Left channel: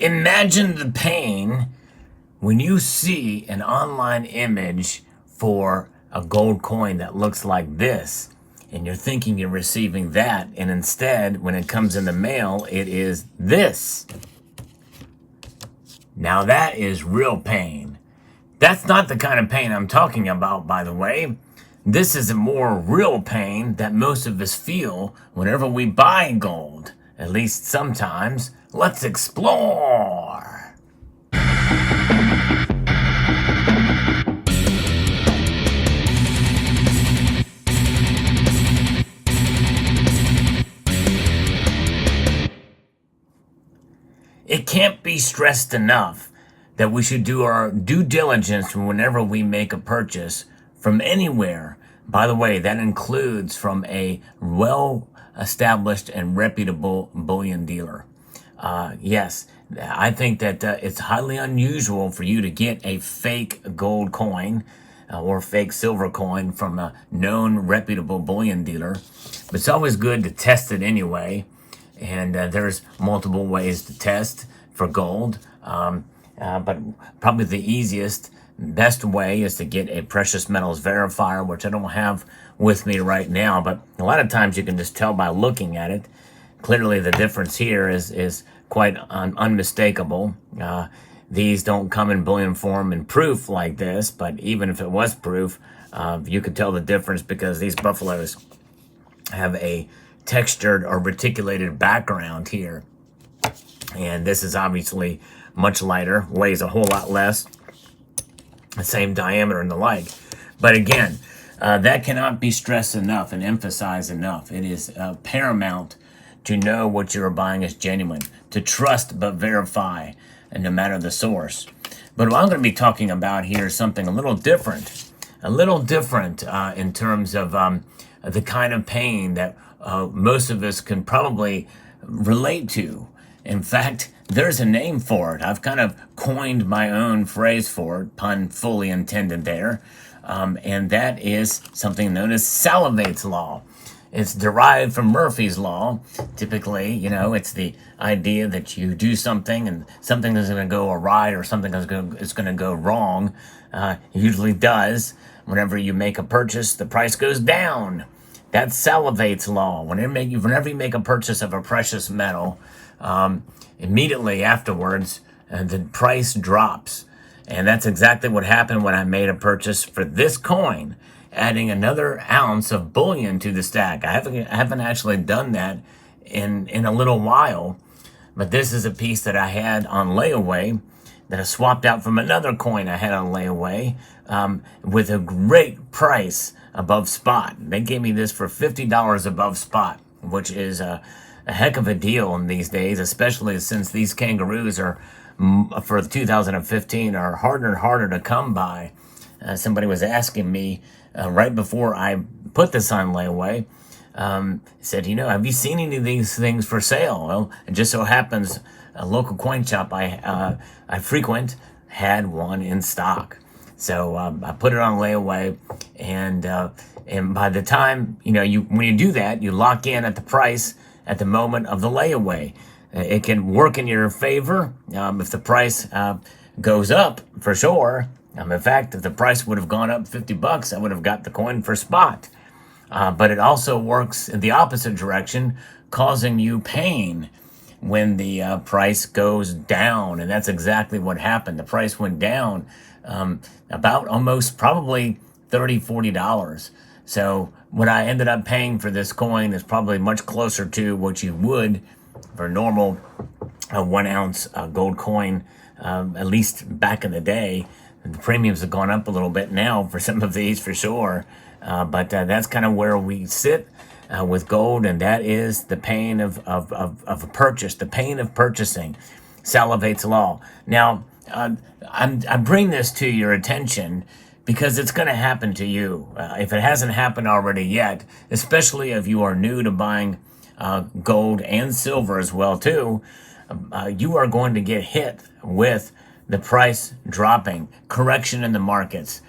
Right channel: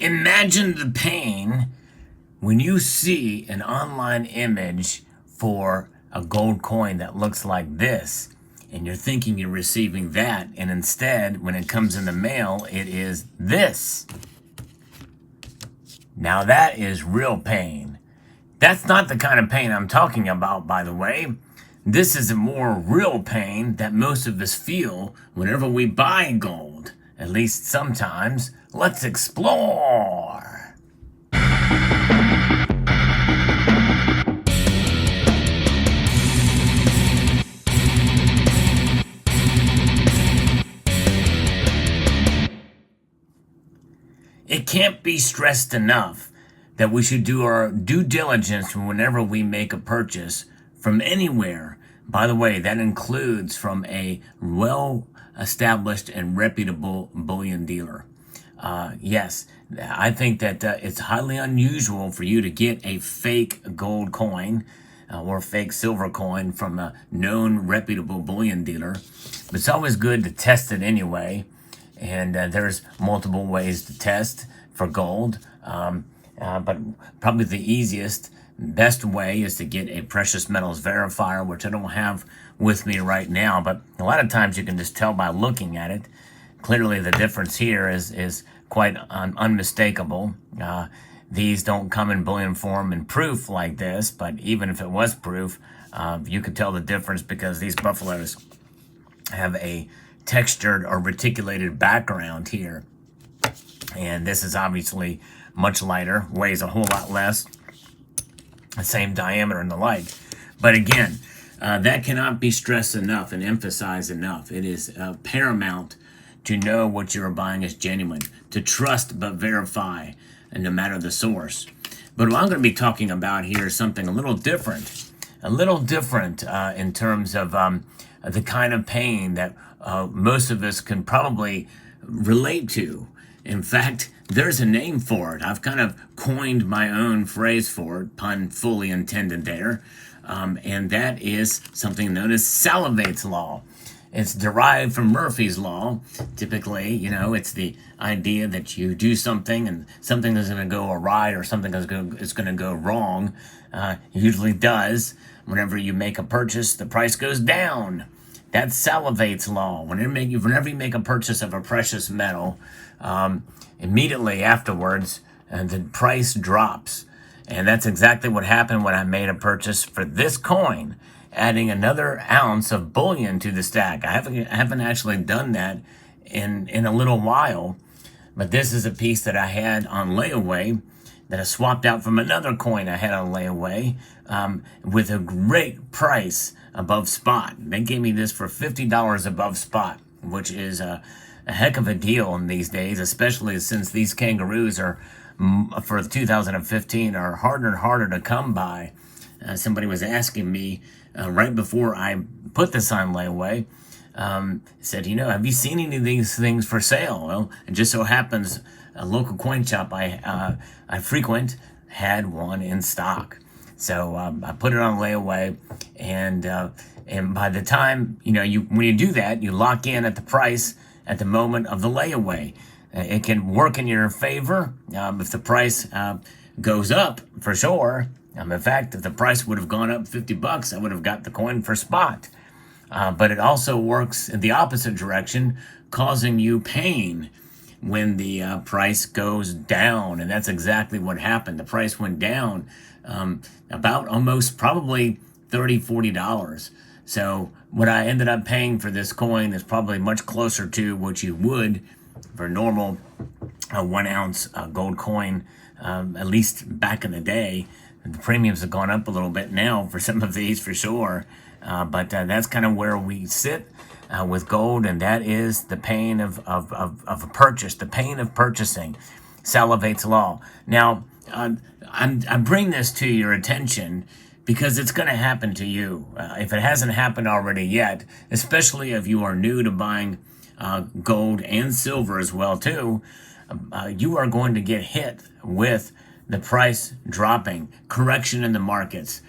Imagine the pain when you see an online image for a gold coin that looks like this, and you're thinking you're receiving that, and instead, when it comes in the mail, it is this. Now that is real pain. That's not the kind of pain I'm talking about, by the way. This is a more real pain that most of us feel whenever we buy gold, at least sometimes. Let's explore. It can't be stressed enough that we should do our due diligence whenever we make a purchase from anywhere. By the way, that includes from a well-established and reputable bullion dealer. Yes, I think that it's highly unusual for you to get a fake gold coin or fake silver coin from a known reputable bullion dealer. But it's always good to test it anyway. And there's multiple ways to test for gold. But probably the easiest, best way is to get a precious metals verifier, which I don't have with me right now. But a lot of times you can just tell by looking at it. Clearly the difference here is quite unmistakable. These don't come in bullion form in proof like this, but even if it was proof, you could tell the difference because these buffaloes have a textured or reticulated background here. And this is obviously much lighter, weighs a whole lot less, the same diameter and the like. But again, that cannot be stressed enough and emphasized enough. It is paramount to know what you're buying is genuine, to trust but verify, and no matter the source. But what I'm going to be talking about here is something a little different in terms of the kind of pain that most of us can probably relate to. In fact, there's a name for it. I've kind of coined my own phrase for it, pun fully intended there, and that is something known as Salivate's law. It's derived from Murphy's law. Typically, it's the idea that you do something and something is going to go awry or something is going to go wrong. It usually does. Whenever you make a purchase, the price goes down. That's Salivate's law. Whenever you make a purchase of a precious metal, immediately afterwards, the price drops. And that's exactly what happened when I made a purchase for this coin, adding another ounce of bullion to the stack. I haven't actually done that in a little while, but this is a piece that I had on layaway that I swapped out from another coin I had on layaway with a great price above spot. They gave me this for $50 above spot, which is a heck of a deal in these days, especially since these kangaroos are, for 2015, are harder and harder to come by. Somebody was asking me right before I put this on layaway, said, have you seen any of these things for sale? Well, it just so happens a local coin shop I frequent had one in stock. So I put it on layaway, and by the time, when you do that, you lock in at the price at the moment of the layaway. It can work in your favor if the price goes up, for sure. In fact, if the price would have gone up $50, I would have got the coin for spot. But it also works in the opposite direction, causing you pain when the price goes down. And that's exactly what happened. The price went down about almost probably $30, $40. So what I ended up paying for this coin is probably much closer to what you would for a normal 1 ounce gold coin, at least back in the day. The premiums have gone up a little bit now for some of these for sure. But that's kind of where we sit with gold, and that is the pain of a purchase, the pain of purchasing. Salivate's law. Now, I bring this to your attention because it's going to happen to you. If it hasn't happened already yet, especially if you are new to buying gold and silver as well too, you are going to get hit with the price dropping, correction in the markets.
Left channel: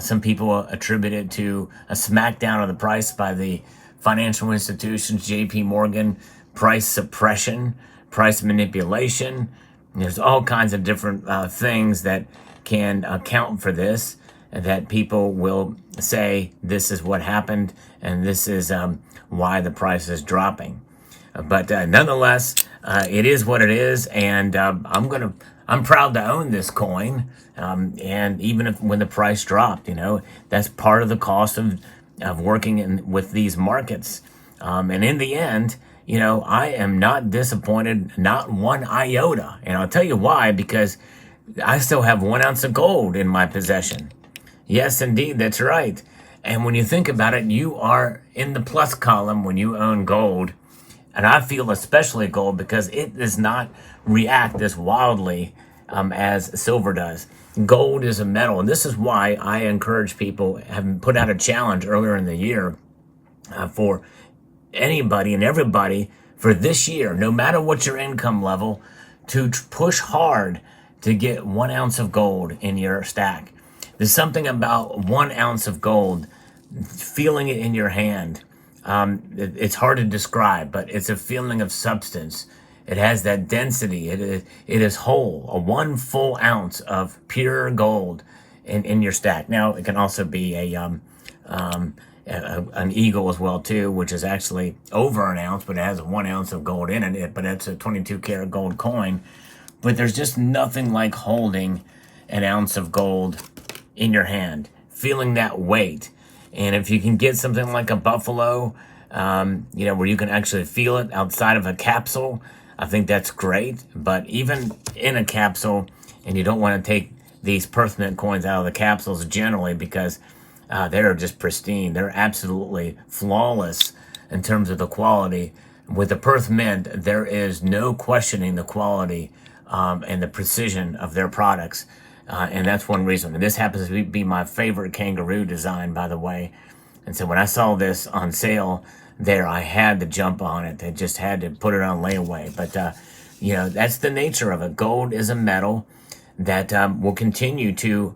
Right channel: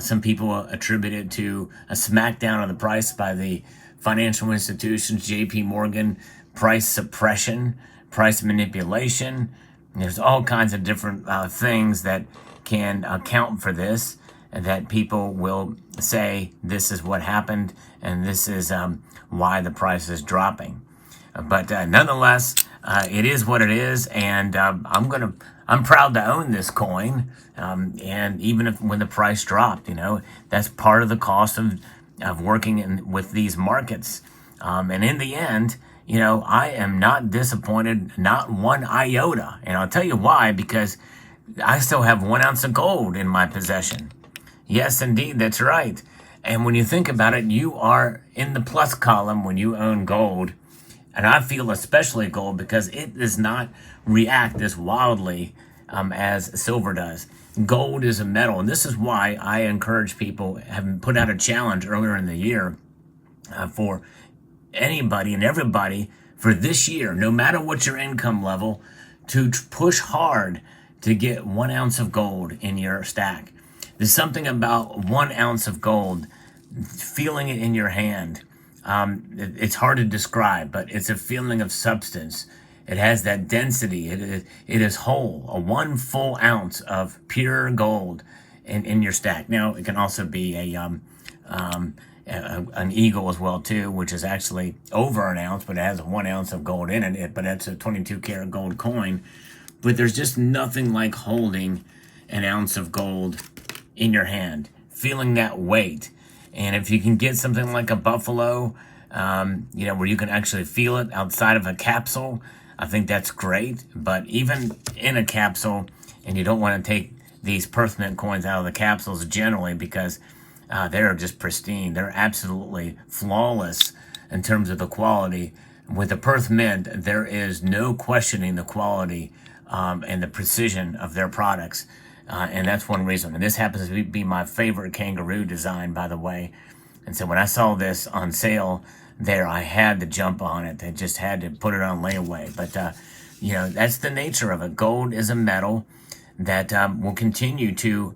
Some people attribute it to a smackdown of the price by the financial institutions, JP Morgan, price suppression, price manipulation, There's all kinds of different things that can account for this, and that people will say this is what happened and this is why the price is dropping. But nonetheless, it is what it is, and I'm proud to own this coin. And even if when the price dropped, that's part of the cost of working with these markets. And in the end, I am not disappointed, not one iota. And I'll tell you why, because I still have 1 ounce of gold in my possession. Yes, indeed, that's right. And when you think about it, you are in the plus column when you own gold. And I feel especially gold because it does not react as wildly as silver does. Gold is a metal, and this is why I encourage people, have put out a challenge earlier in the year for anybody and everybody for this year, no matter what your income level, to push hard to get 1 ounce of gold in your stack. There's something about 1 ounce of gold, feeling it in your hand. It's hard to describe, but it's a feeling of substance. It has that density. It is whole. A 1 full ounce of pure gold in your stack. Now, it can also be an eagle as well too, which is actually over 1 ounce, but it has 1 ounce of gold in it. But it's a 22 karat gold coin. But there's just nothing like holding 1 ounce of gold in your hand, feeling that weight. And if you can get something like a buffalo, where you can actually feel it outside of a capsule, I think that's great. But even in a capsule, and you don't want to take these Perth Mint coins out of the capsules generally because they're just pristine. They're absolutely flawless in terms of the quality. With the Perth Mint, there is no questioning the quality and the precision of their products. And that's one reason. And this happens to be my favorite kangaroo design, by the way. And so when I saw this on sale there, I had to jump on it. I just had to put it on layaway. But, that's the nature of it. Gold is a metal that will continue to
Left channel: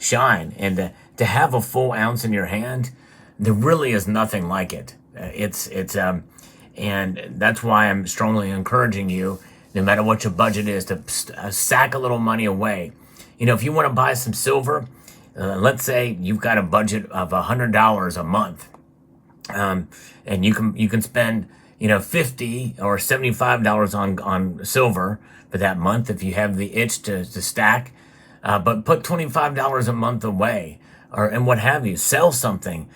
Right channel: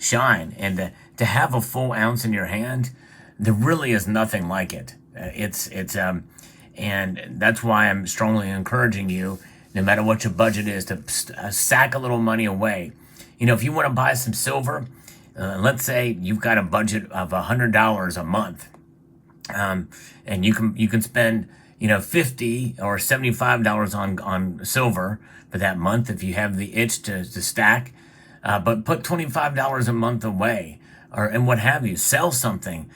shine. And to have a full ounce in your hand, there really is nothing like it. And that's why I'm strongly encouraging you, no matter what your budget is, to sack a little money away. If you want to buy some silver, let's say you've got a budget of $100 a month, and you can spend $50 or $75 on silver for that month if you have the itch to stack, but put $25 a month away, and what have you. Sell something,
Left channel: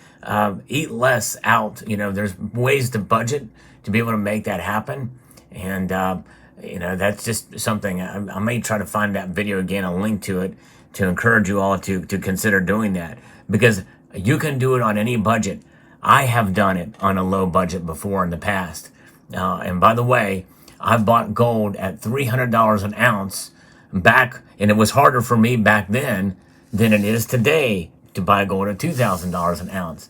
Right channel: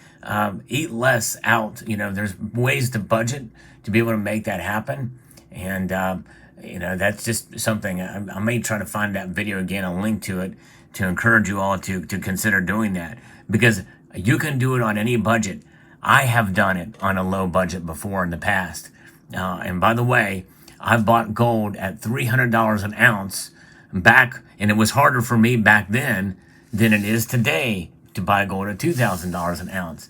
eat less out. There's ways to budget to be able to make that happen, and that's just something. I may try to find that video again, a link to it, to encourage you all to consider doing that, because you can do it on any budget. I have done it on a low budget before in the past. And by the way, I bought gold at $300 an ounce back, and it was harder for me back then than it is today to buy gold at $2,000 an ounce.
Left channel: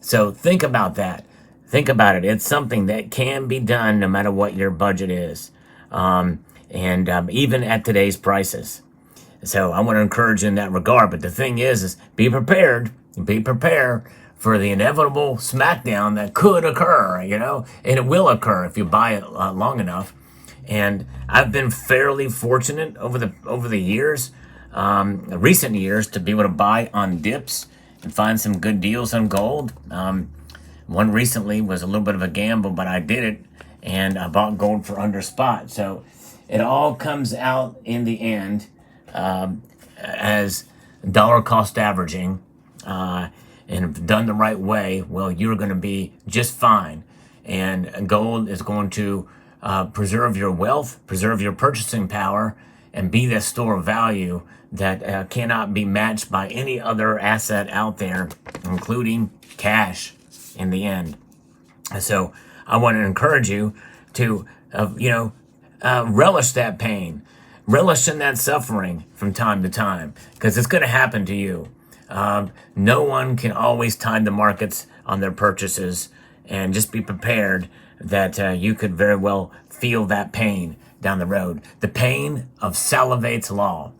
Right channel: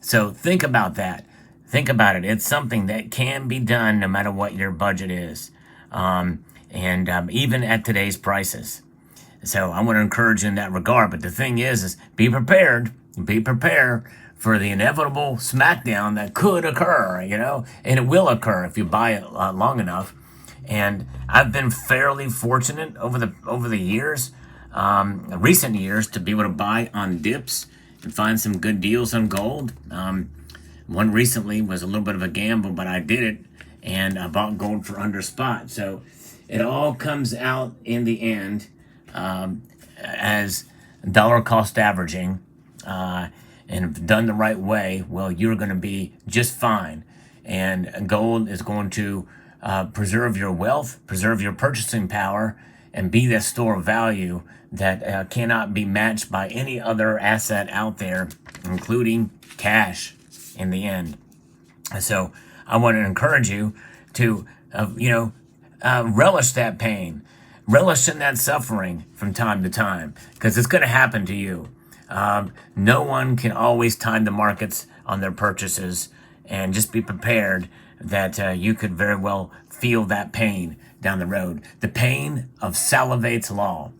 So think about that. Think about it. It's something that can be done no matter what your budget is. Even at today's prices. So I want to encourage you in that regard. But the thing is be prepared for the inevitable smackdown that could occur, and it will occur if you buy it long enough. And I've been fairly fortunate over the years, recent years, to be able to buy on dips and find some good deals on gold. One recently was a little bit of a gamble, but I did it. And I bought gold for under spot. So it all comes out in the end as dollar cost averaging. And if done the right way, well, you're going to be just fine. And gold is going to preserve your wealth, preserve your purchasing power, and be that store of value that cannot be matched by any other asset out there, including cash in the end. So I want to encourage you to, relish that pain, relish in that suffering from time to time, because it's going to happen to you. No one can always time the markets on their purchases, and just be prepared that you could very well feel that pain down the road. The pain of Salivate's law.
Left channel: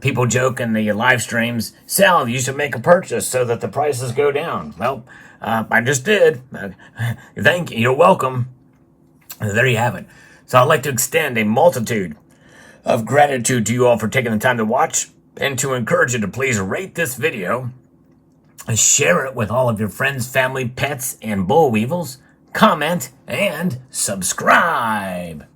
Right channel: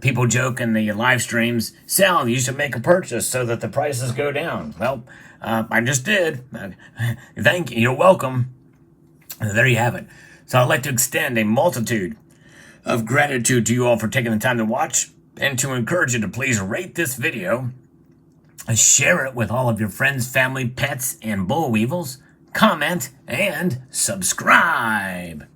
People joke in the live streams, Sal, you should make a purchase so that the prices go down. Well, I just did. Thank you. You're welcome. There you have it. So I'd like to extend a multitude of gratitude to you all for taking the time to watch, and to encourage you to please rate this video, share it with all of your friends, family, pets, and boll weevils, comment, and subscribe.